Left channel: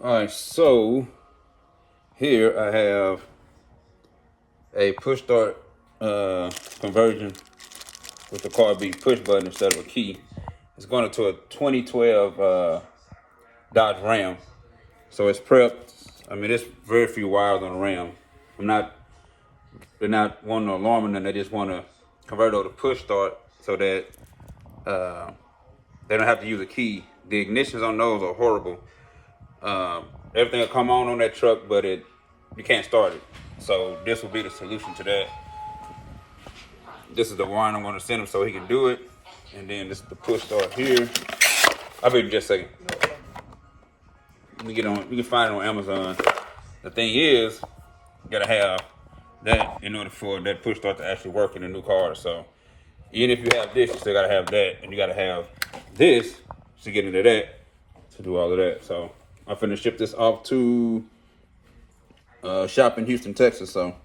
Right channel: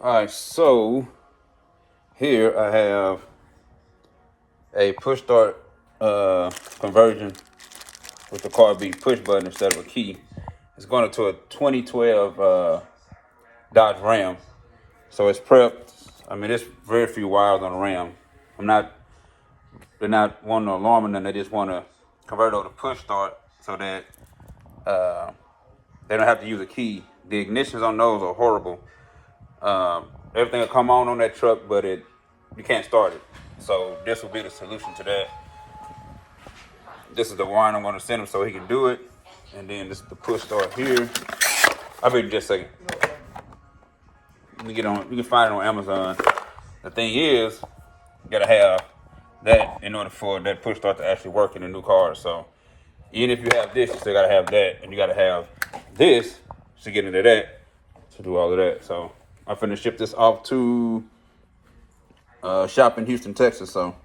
All right, so here I have a push start conversion with the car being push button instead of a key. It's going to a 2012 Dodge Ram. So it's prepped. I mean, there's very few wires on the Ram. They're not wanting to alarm them. They just want to convert over to push start so that they don't have to use a key. The ignitions on those are horrible. Everything will come on that truck, but you can't start it. So this will be the solution to that. This is the wire I'm going to send him so he can do it. And then this is the push start here. I'll be just say, you can find it on Amazon. The thing is, you gotta have that in order for that push start to actually work in a new car. So even if you have this, you still gotta have that, and you gotta have this to get into that, to do all of that. So I'm finna ship this off to shop in Houston, Texas. So